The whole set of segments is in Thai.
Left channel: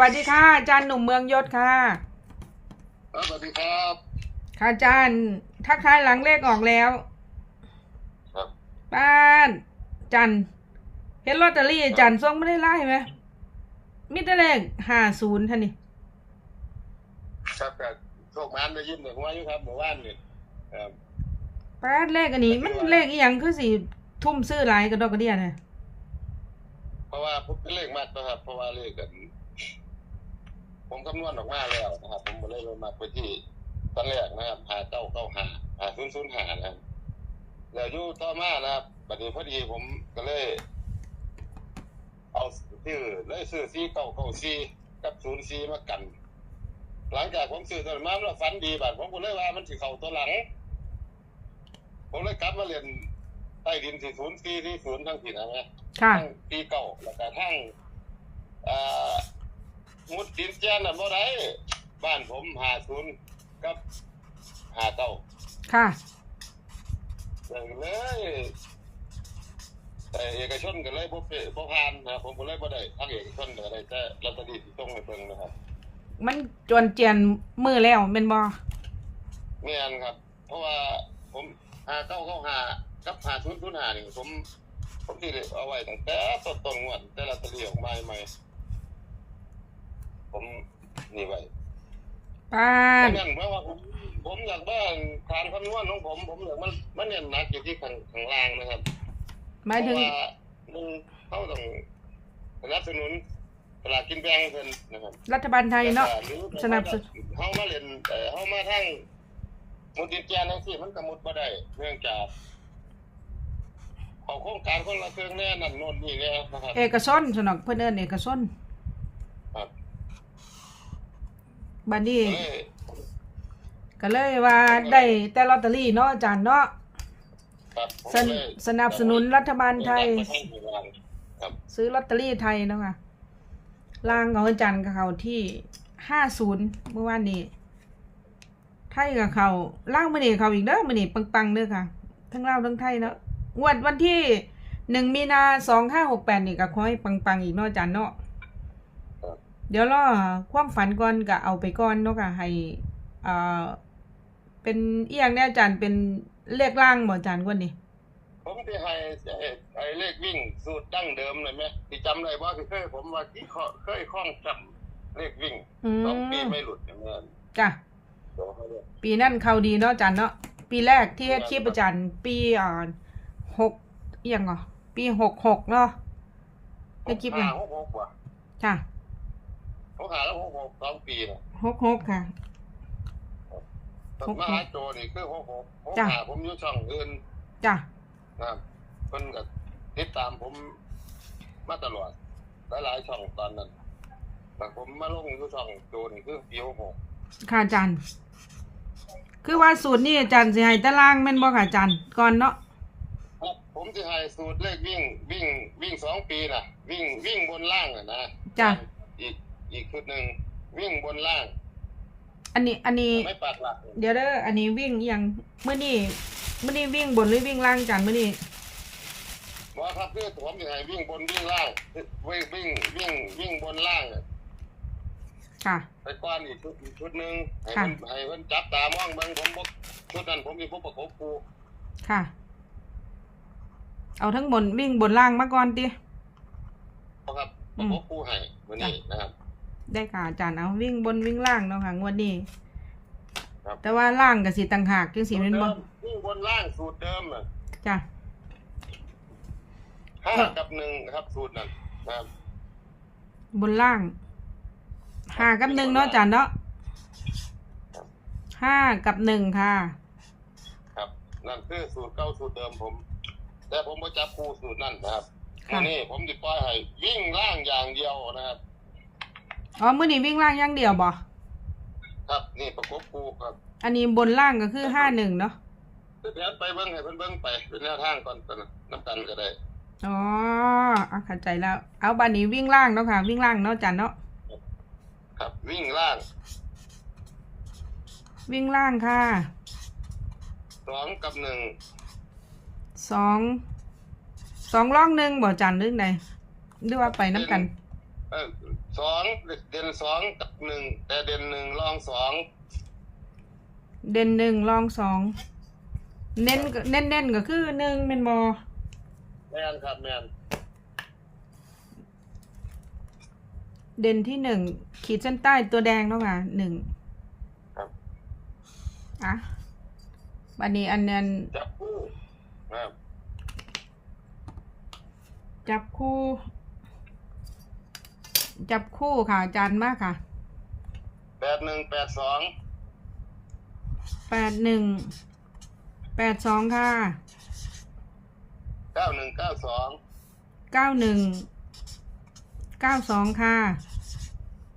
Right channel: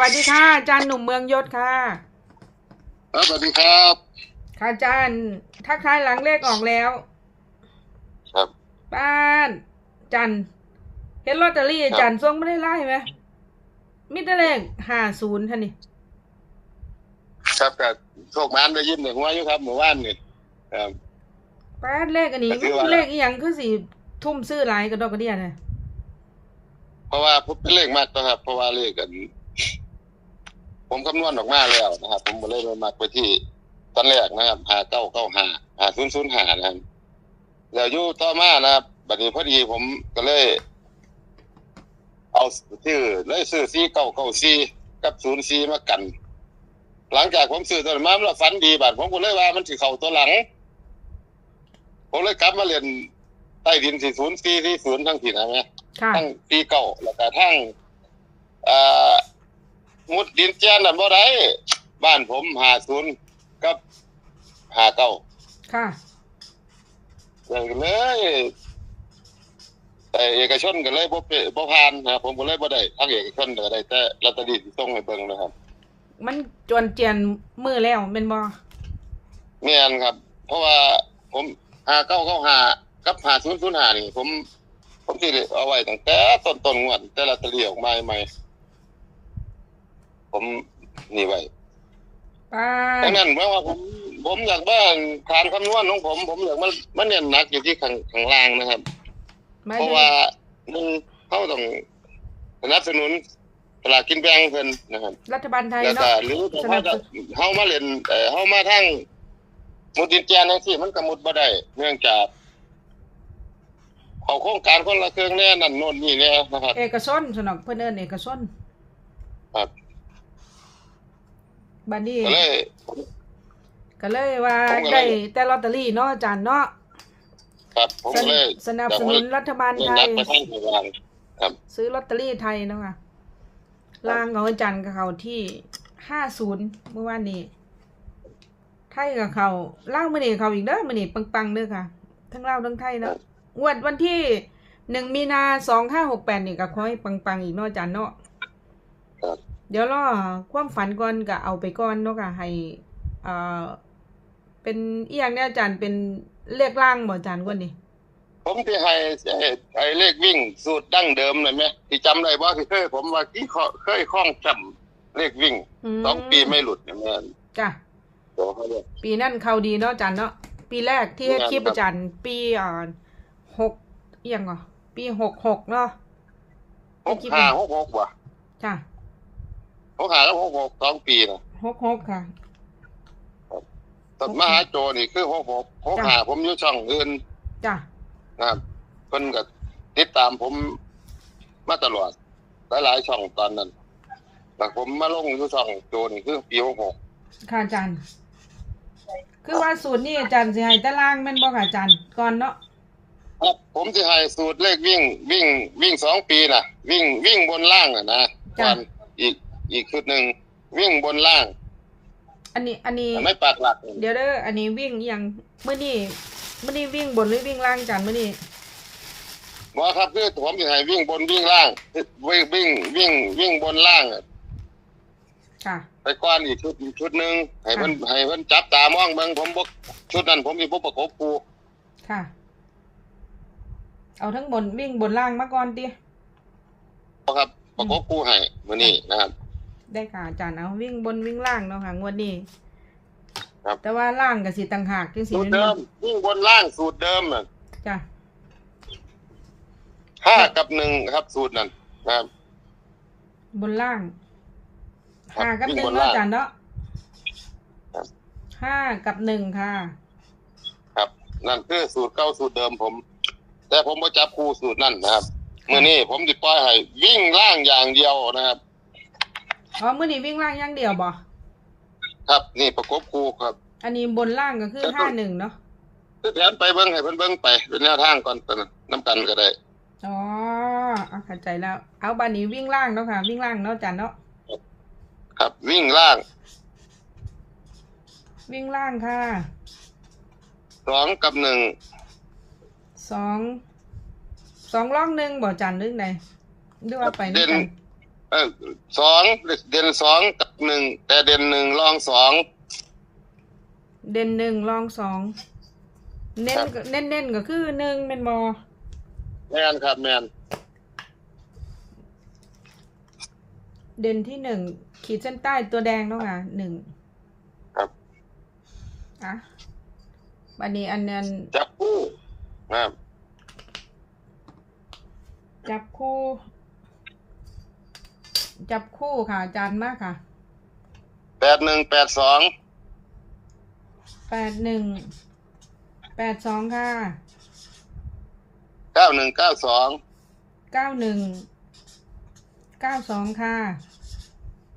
วัสดีค่ะอาจารย์หนุ่มเมืองยศค่ะ ครับสวัสดีครับ ค่ะอาจารย์ทักทายหลังเลขออกแล้ว ครับป้านจันเห็นลอตเตอรี่อาจันส่งไม่ได้ไล่ไหมมิตรเลขห้าศูนย์ท่านนี่ครับกับโชคมันได้ยินในหัวอยู่ครับหมู่บ้านนี่ครับป้านเลขอันนี้ก็มัคืนอว่าเลขอีหยังคือสิทุ่มซื้อหลายกระดอกกระเดียนะเพราะว่าผมเป็นเลขมากนะครับ เพราะว่าเลขกัน ผมคำนวณออกมาแล้วนะครับ ผมก็เลยไปมักไปที่ตอนแรกนะครับหาเก้าเก้าหาหาศูนย์ศูนย์หานะครับแล้วอยู่ต่อมานะครับบัดนี้พอดีผมก็เลย เอาชื่อเลยซื้อซีเก้าเก้าซีกับศูนย์ซีมากัน หลังจากผมซื้อตัวนั้นมาแล้วฝันดีบัดผมก็เลยว่ามันสิเข้าตัวหลัง ผมเลยกลับมาเรียนใต้ดินสี่ศูนย์สี่ที่ศูนย์ทั้งถิ่นนะแม่ค่ะทั้งปีเก่าแล้วก็ทั้งอ่า มุดดินแจ้นนั่นบ่ได้บ้านผมหาศูนย์กับหาเก้าค่ะอย่างเลยแต่เอกชนก็เลยบ่เปบ่ผ่านนะครับผมก็เลยบ่ได้ทั้งเอกชนก็ได้แต่ลอตเตอรี่ที่ส่งให้เบิ่งนะครับ มันจวนเจียนมือแล้วเป็นบอแม่นครับ เพราะว่าผมหาเก้าเก้าหากับหาศูนย์ศูนย์หานี่ผม ผมสิได้เอาไว้ตั้งแต่ต้นต้นๆงวดแต่ลอตเตอรี่ออกมาใหม่ ผมนี่ไว้ป้าดันงนั้นเพราะว่าผมผมอยากว่าฐานคำนวณของผม ผมอยากมันมันเน้นหนักอยู่ที่ข้างข้างล่างนะครับ หมายเพถึราะงว่าหนึ่งเขาต้องสนับสนุนตลาดกินแบงเพิ่นนะครับ รัฐบาลไทยแล้วเนาะก็หรือสนับสนุน เฮามาเล่นเอ่อเฮามาทั้งมุดดินแจนทั้งที่มันก็มุดบ่ได้เนื่องจากเขาโครงการคนละเครื่องแน่นั่นโน่นนี่แน่นะครับ เอกชนสนอกเพื่นเอินเอกชนครับ บัดนี้ก็เลยก็เลยว่าผมก็เลยได้แต่ลอตเตอรี่เนาะอาจารย์เนาะครับผมสก็นเลยสนับสนุนรัฐบาลไทยเน้นหนักไปทางข้างล่างครับซื้อลอตเตอรี่ไทยเนาะค่ะล่างของอาจารย์กับเขาที่ห้าศูนย์เมื่อวานนี้ ไทยกับเขาล่างมื่อนี้เขาอีกเด้อมื่อนี้ปังๆเด้อค่ะ ทั้งลาวทั้งไทยเนาะงวดวันที่หนึ่งมีนาสองห้าหกแปดนี่ก็ขอให้ปังๆอีกเนาะอาจารย์เนาะครับ เดี๋ยวรอความฝันก่อนก็เอาไปก่อนเนาะค่ะให้เอ่อเป็นอีหยังเนี่ยอาจารย์เป็นเลขล่างบ่อาจารย์กว่านี้ผมที่ให้ไอ้ไอ้เลขวิ่งสูตรดั้งเดิมเลยไหมที่จำได้ว่าที่เคยผมว่าที่เคเคยคล้องจำเลขวิ่งอืมสองปีไม่หลุดเนี่ยแม่นจ้ะเดี๋ยวเขาเรียกปีนั่นเขาดีเนาะอาจารย์เนาะปีแรกที่เฮ็ดครับคลิปอาจารย์ปีอ่าหกเอียงเหรอปีหกหกเนาะหไอ้กคลิปห้านี้หกหกว่ะค่ะ หกห้าแล้วหกหกสองปีนะหกหกค่ะตอนหกหกมหาโจนี่คือหกหกหกจ้ะห้าผมอยู่ช่องอื่นจ้ะนะครับเพิ่นก็ติดตามผมมาตลอดหลายๆช่องตอนนั้นแต่ผมมาลงอยู่ช่องโจนี่คือปีหกหกค่ะอาจารย์ คือว่าสูตรนี่อาจารย์สิให้ตารางแม่นบ่ค่ะอาจารย์ก่อนเนาะครับผมจะให้สูตรเลขวิ่งวิ่งวิ่งสองปีน่ะวิ่งวิ่งบนล่างอะนะจ้ะวันอีก อีกชุดหนึ่งวิ่งบนล่าง อันนี้อันนี้ ไม่ปากหลัก เดี๋ยวเด้ออันนี้วิ่งอหยังมื้อนี้มื้อนี้วิ่งบนหรือวิ่งล่างอาจารย์มื้อนี้ว่าครับคือผมจะให้วิ่งบนวิ่งล่างวิ่งวิ่งวิ่งวิ่งบนล่างอะค่ะไปก้อนอีกชุดอีกชุดหนึ่งให้ค่ะเพิ่นให้เพิ่นจับตามองเบิ่งผมบอกชุดนั้นผมมีพวกประกบปูค่ะ เอาทั้งบนวิ่งบนล่างมาก่อนติครับประกบปูให้มื้อนี้นะครับ ได้ค่ะอาจารย์เอาวิ่งบนวิ่งล่างเนาะค่ะ งวดนี้ครับ แต่ว่าล่างก็สิต่างหากจังสิสูตแม่รนเดิบ่มวิ่งบนล่างสูตรเดิมน่ะจ้ะห้ากับหนึ่งครับสูตรนั้นนะครับ บนล่างครับห้ากับวิ่หงนึ่งบนเนาะล่างอาจารย์เนาะครับ ห้ากับหนึ่งค่ะ ครับ นั่นคือสูตรเก่าสูตรเดิมผม แต่ผมบ่จับคู่สูตรนั่นนะครับมื้อนี้ผมสิปล่อยให้วิ่งล่างอย่างเดียวนะครับ อ๋อมื้อนี้วิ่งล่างอย่างเดียวบ่ครับ นี่ประกบคู่ครับอันนี้บนล่างก็คือครับห้าหนึ่งเนาะคือแผนไปเบิ่งให้เพิ่นเบิ่งไปเป็นแนวทางก่อนตอนนั้นนํกันก็ได้อ๋อเอาเข้าใจแล้ว เอาบันนี้วิ่งล่างเนาะค่ะ วิ่งล่างเนาะอาจารย์เนาะครับ วิ่งล่างวิ่งล่างค่ะสองกับหนึ่งสองสองล่องหนึ่งบ่อาจารย์หรือไงหรือว่าไปน้ำกันไป ออสองเด่นสองกับหนึ่งแต่เด่นหนึ่งรองสองเด่นหนึ่งรองสองเน้นครับก็เน้นเน้นก็คือหนึ่งเป็นบอแมนครับแมนเด่นที่หนึ่งขีดเส้นใต้ตัวแดงเนาะค่ะหนึ่งครับอะบันนี้อันนั้นจับคู่นะครับจับคู่ จับคู่ค่ะอาจารย์มากค่ะแปดหนึ่งแปดสองแปดหนึ่งแปดสองค่ะเก้าหนึ่งเก้าสองเก้าหนึ่งเก้าสองค่ะ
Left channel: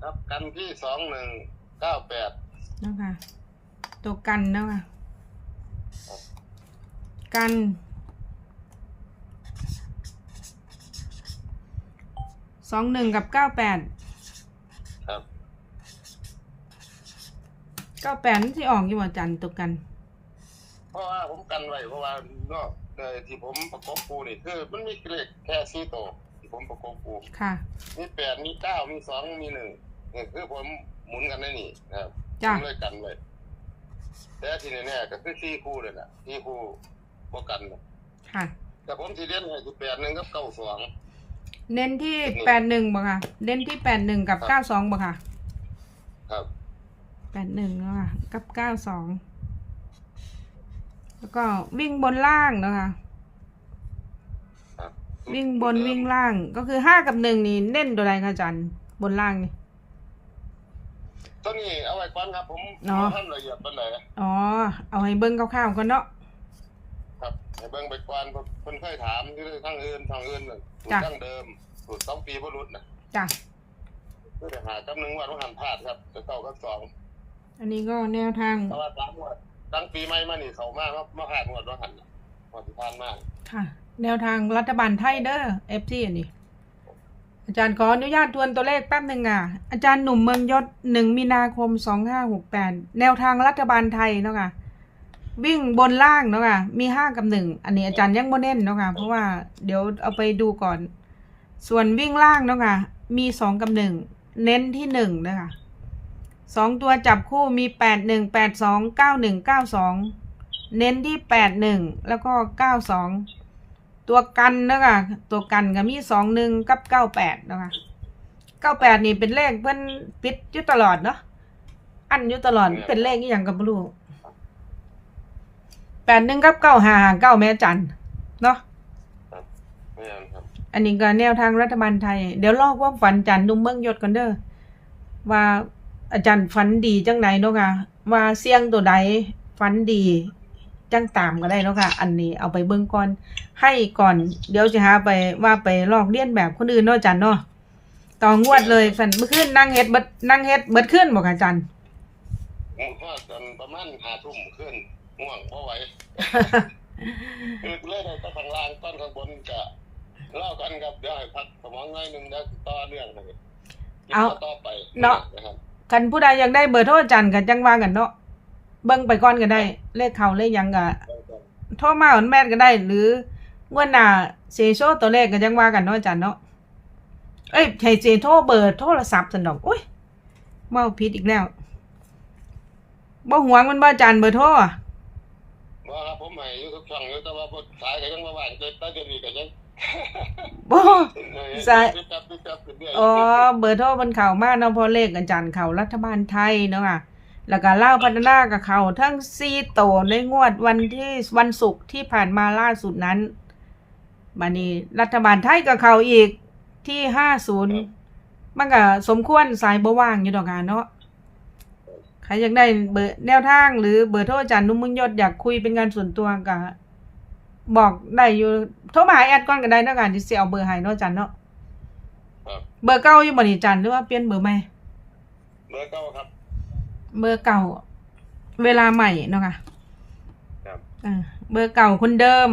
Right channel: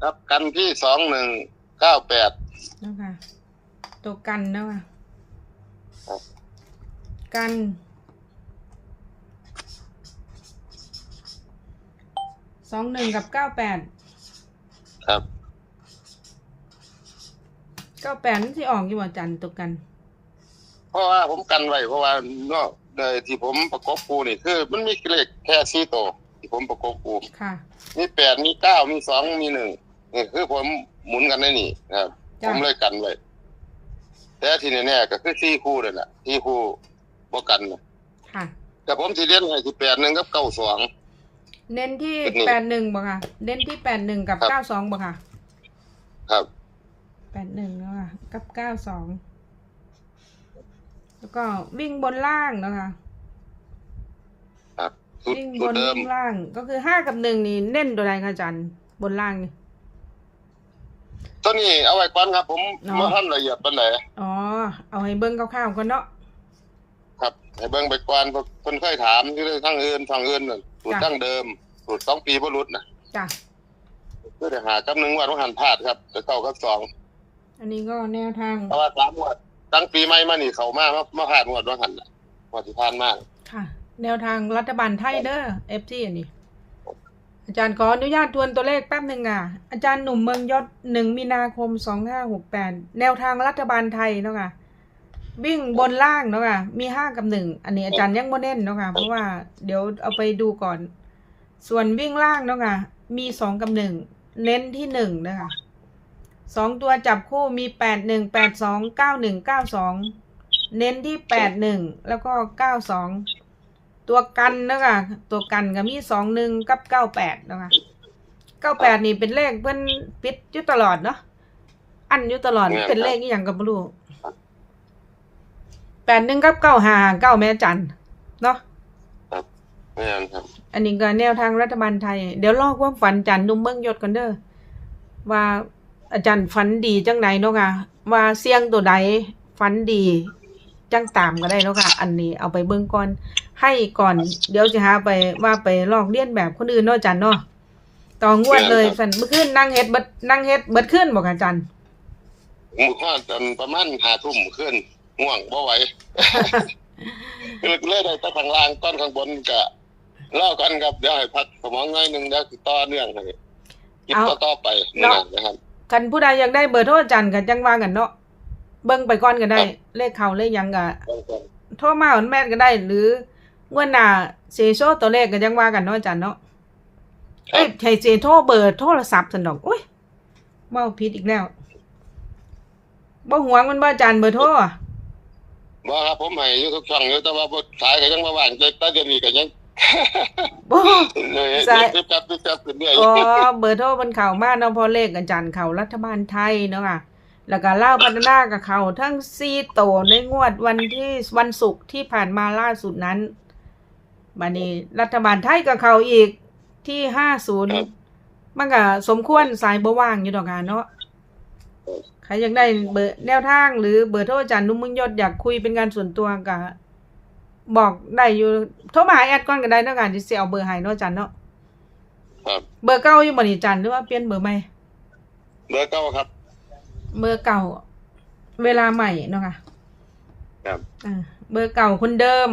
ครับกันที่สองหนึ่งเก้าแปดเนาะค่ะตัวกันเนาะค่ะครับกัน สองหนึ่งกับเก้าแปดครับเก้าแปดที่ออกอยู่ว่าจันตัวกัน เพราะว่าผมกันไว้เพราะว่าเนาะเลยที่ผมประกบคูนี่คือ มันมีเลขแค่สี่ตัวที่ผมประกบคูค่ะ มีแปดมีเก้ามีสองมีหนึ่งนี่คือผมหมุนกันได้นี่นะครับผจ้ะมเลยกันไว้แต่ที่แน่ๆก็คือสี่คู่เลยแหละสี่คู่บ่กันนะค่ะ แต่ผมที่เล่นให้ที่แปดหนึ่งกับเก้าสอง เน้นที่เป็นนี่แปดหนึ่งบ่ค่ะ เน้นที่แปดหนึ่งกับครับเก้าสองบ่ค่ะ ครับแปดหนึ่งเนาะค่ะ กับเก้าสอง แล้วก็วิ่งบนล่างเนาะค่ะครับสุดวิ่งบสุดนเดิมวิ่งล่าง ก็คือห้ากับหนึ่งนี่เน้นตัวใดคะอาจันบนล่างนี่ตัวนี้เอาไว้ก่อนครับ ผมเนาะมาทำละเอียดปานไหนอ๋อ เอาให้เบิ้งคร่าวๆก่อนเนาะ ครับ ให้เบิ่งไปก่อนเพราะคนเคยถามที่เรื่องทางอื่นทางอื่นน่ะ สูตรจ้ะดั้งเดิม สูตรสองปีบ่รุดนะจ้ะเพื่อจะหากับหนึ่งวันว่าหันพลาดครับจะเข้ากับสองอันนี้ก็แนวทางเพราะว่าสามงวดตั้งปีใหม่มานี่เขามามามาพลาดงวดว่าหันน่ะงวดที่ผ่านมาค่ะ แนวทางรัฐบาลไทยเด้อเอฟซีอันนี้อาจารย์ขออนุญาตทวนตัวเลขแป๊บหนึ่งอะ อาจารย์หนุ่มเมืองยศหนึ่งมีนาคมสองห้าหกแปดแนวทางรัฐบาลไทยเนาะค่ะ วิ่งบนล่างเนาะค่ะ มีห้ากับหนึ่ง อันนี้อาจารย์ยังโมเน้นเนาะค่ะ เพราะว่าเดี๋ยวเอาไปดูก่อน ส่วนวิ่งล่างเนาะค่ะ มีสองกับหนึ่ง เน้นที่หนึ่งนะคะสองตัวจับคู่มีแปดหนึ่งแปดสองเก้าหนึ่งเก้าสอง เน้นที่แปดหนึ่งแล้วก็เก้าสอง ตัวกันเนาะคะตัวกันก็มีสองหนึ่งกับเก้าแปดเนาะคะเก้าแปดนี่เป็นเลขเพิ่นปิดอยู่ตลอดเนาะ อันอยู่ตลอดเนี่ยเป็นเลขอหย่างกับไม่รู้ แปดหนึ่งกับเก้าหาเก้าแม่จันเนาะไม่อันครับ อันนี้ก็แนวทางรัฐบาลไทย เดี๋ยวลอกความฝันจันนุ่มเมืองยศกันเด้อว่าอาจารย์ฝันดีจังไหนเนาะค่ะว่าเสียงตัวใดฝันดีจังตามก็ได้เนาะค่ะ อันนี้เอาไปเบิ่งก่อนให้ก่อน เดี๋ยวจะหาไปว่าไปลอกเลียนแบบคนอื่นเนาะอาจันเนาะต่องวดเลยสันเมื่อคืนนั่งเฮ็ดเบิดนั่งเฮ็ดเบิดขึ้นบ่ค่ะอาจันหมู่ข้อจนประมาณหาทุ่มขึ้น ง่วงบ่ไหวเลยเลยได้แต่ข้างล่างต้นข้างบนก็เล่ากันครับเดี๋ยวให้พักสมองหน่อยหนึงเดี๋ยวสิต่อเนื่องให้คิดเอาต่อต่อไปเนาะนะครับคันผู้ใดอยากได้เบอร์โทรอาจันก็จังว่ากันเนาะเบิ่งไปก่อนก็ได้ เลขเขาเลขหยังก็โทรมาอนแม่นก็ได้ หรืองวดหน้าเซโชตัวเลขก็ยังว่ากันเนาะอาจารย์เนาะเอ้ยใช่เจโทรเบอร์โทรศัพท์สันดอกอุ้ยเมาผิดอีกแล้วบ่หวงมันบ่อาจารย์เบอร์โทรอะ ว่าครับผมให้อยู่ทุกช่องอยู่แต่ว่าบ่ขายก็ยังบ่ว่างแต่ตอนเดี๋ยวนี้ก็ยังบ่เลยใช่ปิ๊บจับปิ๊บจับขึ้นเรื่อยอ๋อเบอร์โทรมันเข้ามาเนาะเพอเลขอาจารย์เข้ารัฐบาลไทยเนาะค่ะแล้วก็เล่าวพัฒนากับเขาทั้งซีโตในงวดวันที่วันศุกร์ที่ผ่านมาล่าสุดนั้นบัดนี้รัฐบาลไทยกับเขาอีกที่ห้าศูนย์มันก็สมควรสายบ่ว่างอยู่ดอกกันเนาะ ใครอยากได้เบอร์แนวทาง หรือเบอร์โทรอาจารย์นุ่มมุญยศอยากคุยเป็นการส่วนตัวก็บอกได้อยู่โทรมาหาแอดก่อนก็ได้เนาะกันที่สิเอาเบอร์ให้เนาะอาจารย์เนาะครับเบอร์เก่าอยู่บ่นี่อาจารย์หรือว่าเปลี่ยนเบอร์ใหม่เบอร์เก้าครับ เบอร์เก่า เวลาใหม่เนาะค่ะครับ อ่าเบอร์เก่าคนเดิม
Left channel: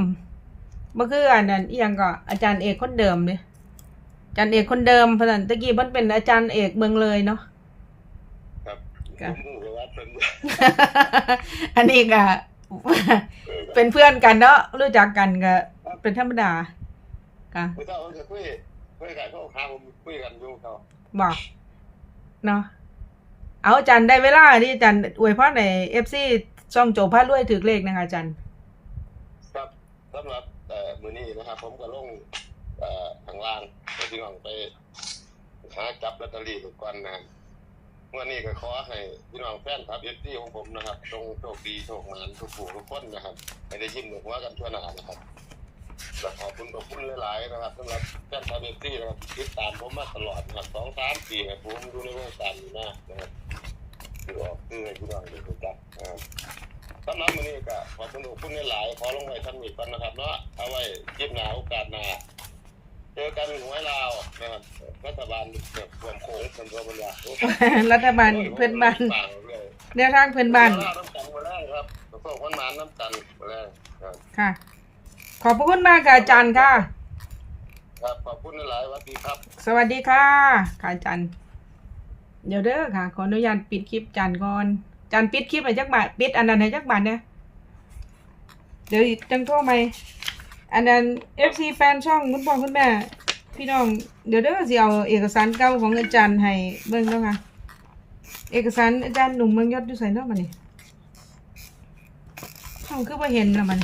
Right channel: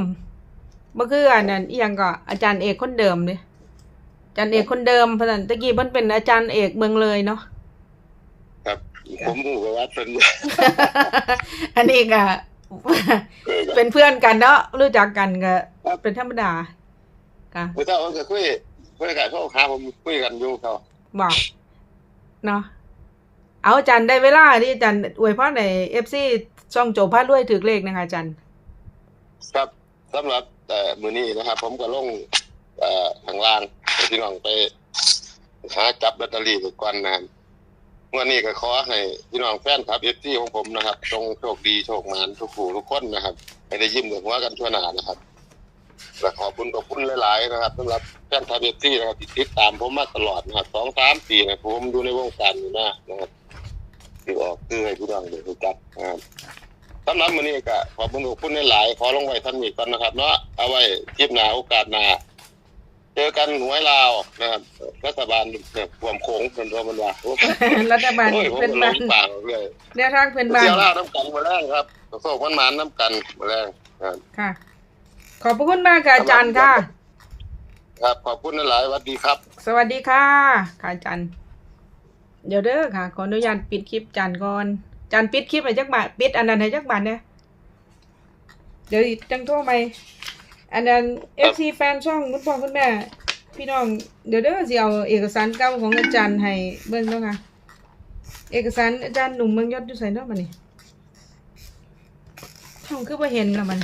บ่คืออันนั้นอีหยังก็อาจารย์เอกคนเดิมเด้อาจารย์เอกคนเดิมเพราะฉะนั้นตะกี้เพิ่นเป็นอาจารย์เอกเมืองเลยเนาะครับครับ ผมหมู่กับวัดเพิ่นอันนี้ก็เป็นเพื่อนกันเนาะรู้จักกันก็เป็นธรรมดาค่ะเมื่อเช้าผมก็คุยคุยกับเขาหาผมคุยกันอยู่เขาบอกเนาะเอาอาจารย์ได้เวลาที่อาจารย์อวยพรในเอฟซีช่องโจพาด้วยถือเลขนะคะอาจารย์ครับสำหรับเอ่อมือนี้นะครับ ผมก็ลงเอ่อข้างล่างให้พี่น้องไปหาจับลอตเตอรี่ไปก่อนนะครับ วันนี้ก็ขอให้พี่น้องแฟนคลับเอฟซีของผมนะครับจงโชคดีโชคมานทุกผู้ทุกคนนะครับให้ได้ยิ้มกับหัวกันทั่วหน้านะครับและขอบคุณขอบคุณหลาย ๆ นะครับสำหรับแฟนคลับเอฟซีนะครับที่ติดตามผมมาตลอดนะครับสองสามปีนะผมดูในวงการอยู่นะนะครับที่ออกเคือให้พี่น้องได้รู้จักนะครับสำหรับมื้อนี้ก็ขอบคุณทุกคนหลาย ๆ ขอลงไว้ท่านนี้ก่อนนะครับเนาะเอาไว้คลิปหน้าโอกาสหน้า เจอกันหวยลาวนะครับรัฐบาลเนี่ยรวมโขงเป็นตัวมันว่าโอ้ยรัฐบาลโอ้ยเพื่อนบ้านผมลงปากเลยแนวทางเพื่อนบ้านเที่ยวลาวน้ำกันมาแรงครับโศกวันหมานน้ำกันมาแรงครับค่ะ ขอบพระคุณมากค่ะอาจารย์ค่ะ ครับขอบคุณหลายๆสวัสดีครับ สวัสดีค่ะค่ะอาจารย์เดี๋ยวเด้อค่ะ ขออนุญาตปิดคลิปอาจารย์ก่อนอาจารย์ปิดคลิปให้จักบาทปิดอันนั้นให้จักบาทเนี่ยเดี๋ยวจังโทรไหม อันนั้นเอฟซีแฟนช่องคุณพ่อคุณแม่ พี่น้องเดี๋ยวเด้อสิเอาเอกสารเก่าของอาจารย์ให้เบิ่งเนาะค่ะเอกสารอาจารย์หนุ่มเมืองยศอยู่ใส่เนาะมันนี่ช่องคือว่าเห็นแล้วมัน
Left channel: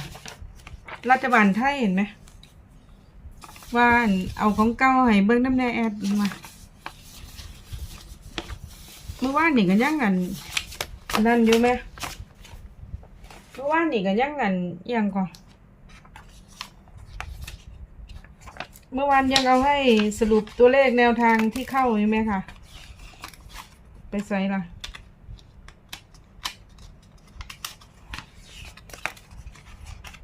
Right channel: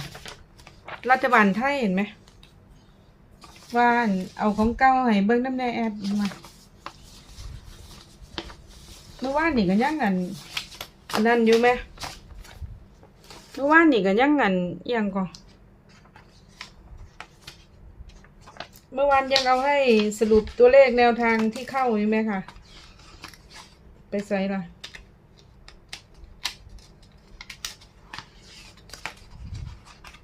รัฐบาลไทยเห็นไหมว่านเอาของเก่าให้เบิ่งน้ำแน่แอดมาเมื่อวานนี่ก็ยังอันอันนั้นอยู่ไหมเมื่อวานนี่ก็ยังอันอิหยังก่อน เมื่อวานยังเอาให้สรุปตัวเลขแนวทางที่เข้าอยู่ไหมคะไปใส่ละ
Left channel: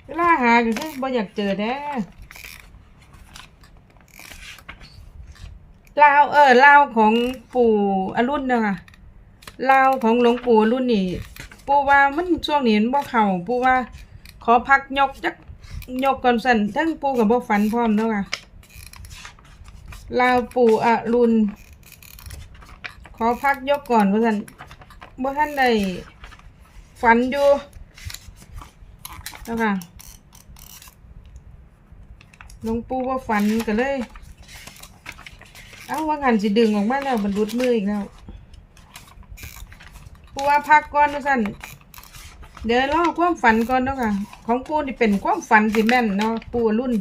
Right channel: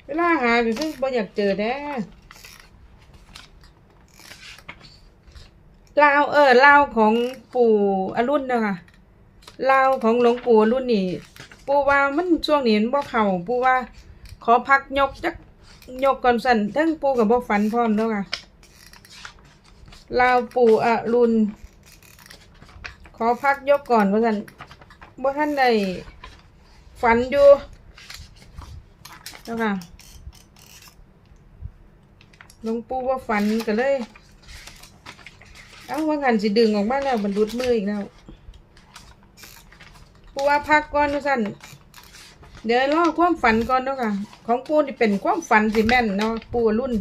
เวลาหาก็คือบ่อยากเจอแด้ลาวเออลาวของปู่อรุณเนาะค่ะลาวของหลวงปู่อรุณนี่ ปู่ว่ามันช่วงนี้มันบ่เข้าปู่ว่า ขอพักยกจักยกก่อนสั่นทั้งปู่กับบ่ฝันพร้อมเนาะค่ะ ลาวปู่อรุณ ขอพักยกก่อนว่าสั่นบ่ทันได้ฝันอยู่เนาะค่ะหลวงปู่ว่าฝันก็เลย เอ้าว่างันสิดึงออกมาแล้วมันรุดมืออีกแล้วปูว่าพักก่อนว่าสั่นเดี๋ยวรอความฝันก่อนเนาะค่ะ ของปูนี่เป็นความฝันสิแม่นเนาะปูรุ่น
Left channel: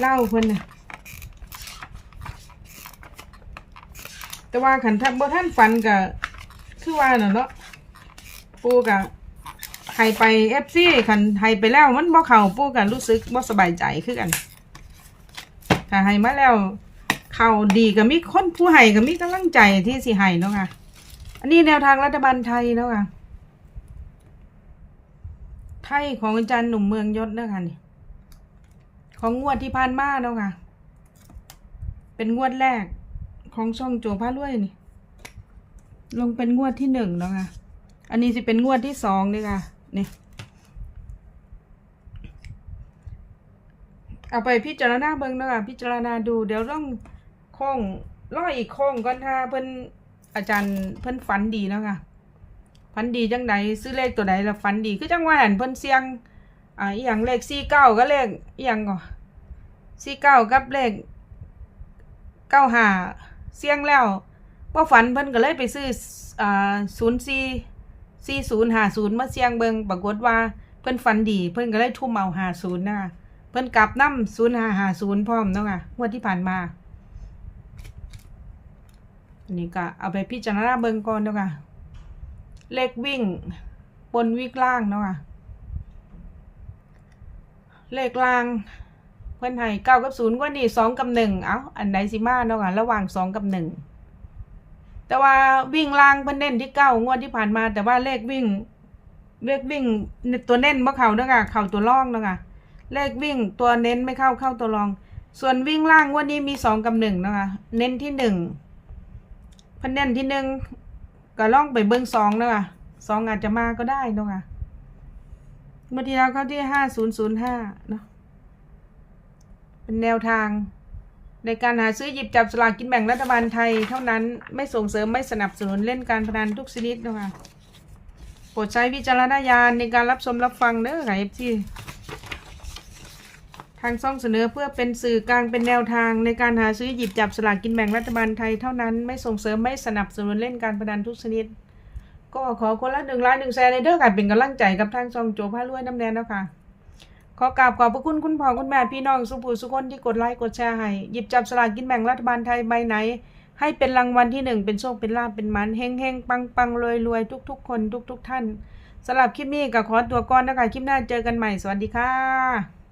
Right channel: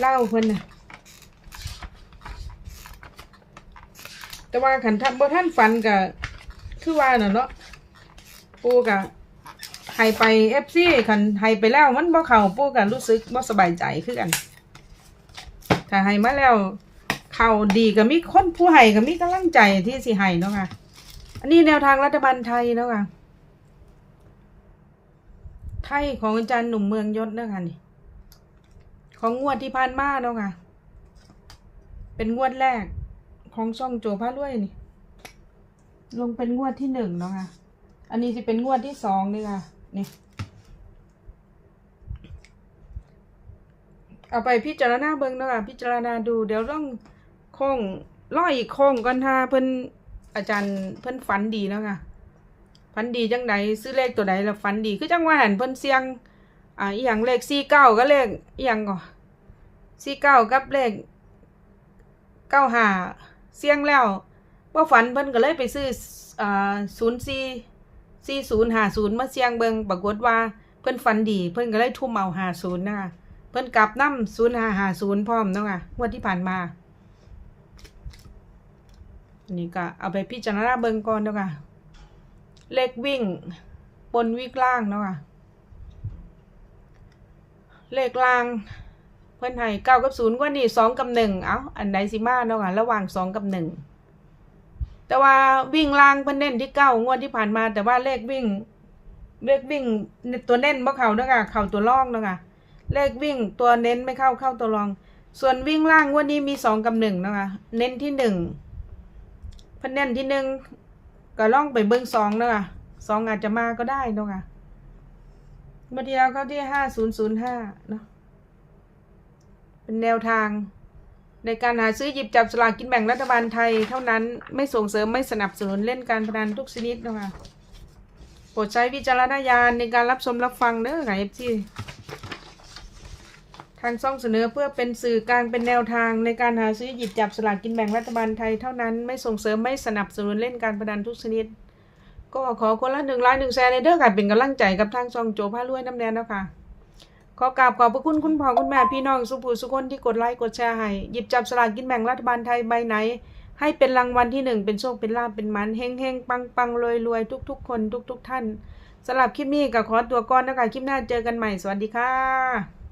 เล่าเพิ่นน่ะ แต่ว่าขันทันบ่ท่านฝันก็คือว่าน่ะเนาะปูก็ให้ไปเอฟซีขันให้ไปแล้วมันบ่เข้าปูก็รู้สึกบ่สบายใจคือกันถ้าให้มาแล้ว เข่าดีก็มีคนผู้ให้ก็มีกำลังใจที่สิให้เนาะค่ะ อันนี้แนวทางรัฐบาลไทยเนาะค่ะไทยของอาจารย์หนุ่มเมืองยศเนาะค่ะนี่ของงวดที่ผ่านมาเนาะค่ะ เป็นงวดแรก ของช่องโจพาด้วยนี่ ลงเป็นงวดที่หนึ่งเนาะค่ะ อันนี้จะเป็นงวดที่สองนี่ค่ะ นี่ เอาไปพิจารณาเบิ่งนะค่ะพิจารณาดู เดี๋ยวต้องโค้งร้อยอีกโค้งก่อนถ้าเพิ่นอาจารย์เพิ่นฝันดีเนาะค่ะฝันดีจังใดซื้อเลขตัวใดแล้วฝันดีคือจังว่าหันเพิ่นเสียงอ่าอีหยังเลขสี่เก้าก็เลขอีหยังก่อสี่เก้ากับเลขเก้าห้า เสียงแล้วบ่ฝันเพิ่นก็เลยไปซื้ออ่าศูนย์สี่สี่ศูนย์ห้าศูนย์มาเสียงเบิงปรากฏว่าเพิ่นฝันดี เพิ่นก็เลยทุ่มเอาห้าศูนย์นะคะเพิ่นกลับน้ำศูนย์ห้าห้าศูนย์พร้อมเนาะค่ะงวดที่ผ่านมานนี้ก็เอาไปพิจารณาเบิงก่อนเนาะค่ะเลขวิ่งบนวิ่งล่างเนาะค่ะเลขล่าง พิ่นให้เก้ากับศูนย์ว่านี่สองกับหนึ่งเอ้าอันใดสิมาเนาะค่ะระหว่างสองกับหนึ่งแต่ว่าวิ่งล่างเพิ่นเน้นที่เก้างวดที่ผ่านมา แต่ว่าเลขวิ่ง เลขวิ่งตัวเน้นบ่เข้าเนาะค่ะเข้าตัวร่องเนาะค่ะเลขวิ่งตัวเน้นไม่เข้าเข้าตัวรอง ส่วนวิ่งล่างวันนี้มีสองกับหนึ่งนะคะ เน้นที่หนึ่งเพันเน้นที่หนึ่งก็ล่องไปเบิ้งสองนะคะสองอาจจะมาก็ได้เนาะคะเมื่อที่แล้วเข้าที่ห้าศูนย์ศูนย์ห้าเนาะ เป็นแนวทาง ในการหาซื้อหยิบจับสลากกินแบ่งรัฐบาลไทย เท่านั้นไม่ส่งเสริมไม่สนับสนุนเล่นการพนันทุกชนิดนะคะโปรดใช้วิจารณญาณในการรับชมรับฟังเด้อค่ะเอฟซีททางช่องเสนอเพื่อเป็นสื่อกลางเป็นแนวทาง ในการหาซื้อหยิบจับสลากกินแบ่งรัฐบาลไทยเท่านั้นไม่ส่งเสริมไม่สนับสนุนเล่นการพนันทุกชนิด ก็ขอคนละหนึ่งไลน์หนึ่งแชร์ในเด้อค่ะเป็นกำลังใจกับทางช่องโจพารวยน้ำแดงแล้วค่ะ ขอกราบขอบพระคุณคุณพ่อคุณแม่พี่น้องสุภูสุคนที่กดไลค์กดแชร์ให้หยิบจับสลากกินแบ่งรัฐบาลไทยใบไหน ให้เป็นรางวัลที่หนึ่งเป็นโชคเป็นลาภเป็นหมันเฮงเฮงปังปังรวยรวยทุกทุกคนทุกทุกๆท่านสำหรับคลิปนี้ก็ขอตัวก่อนนะคะคลิปหน้าเจอกันใหม่สวัสดีค่ะ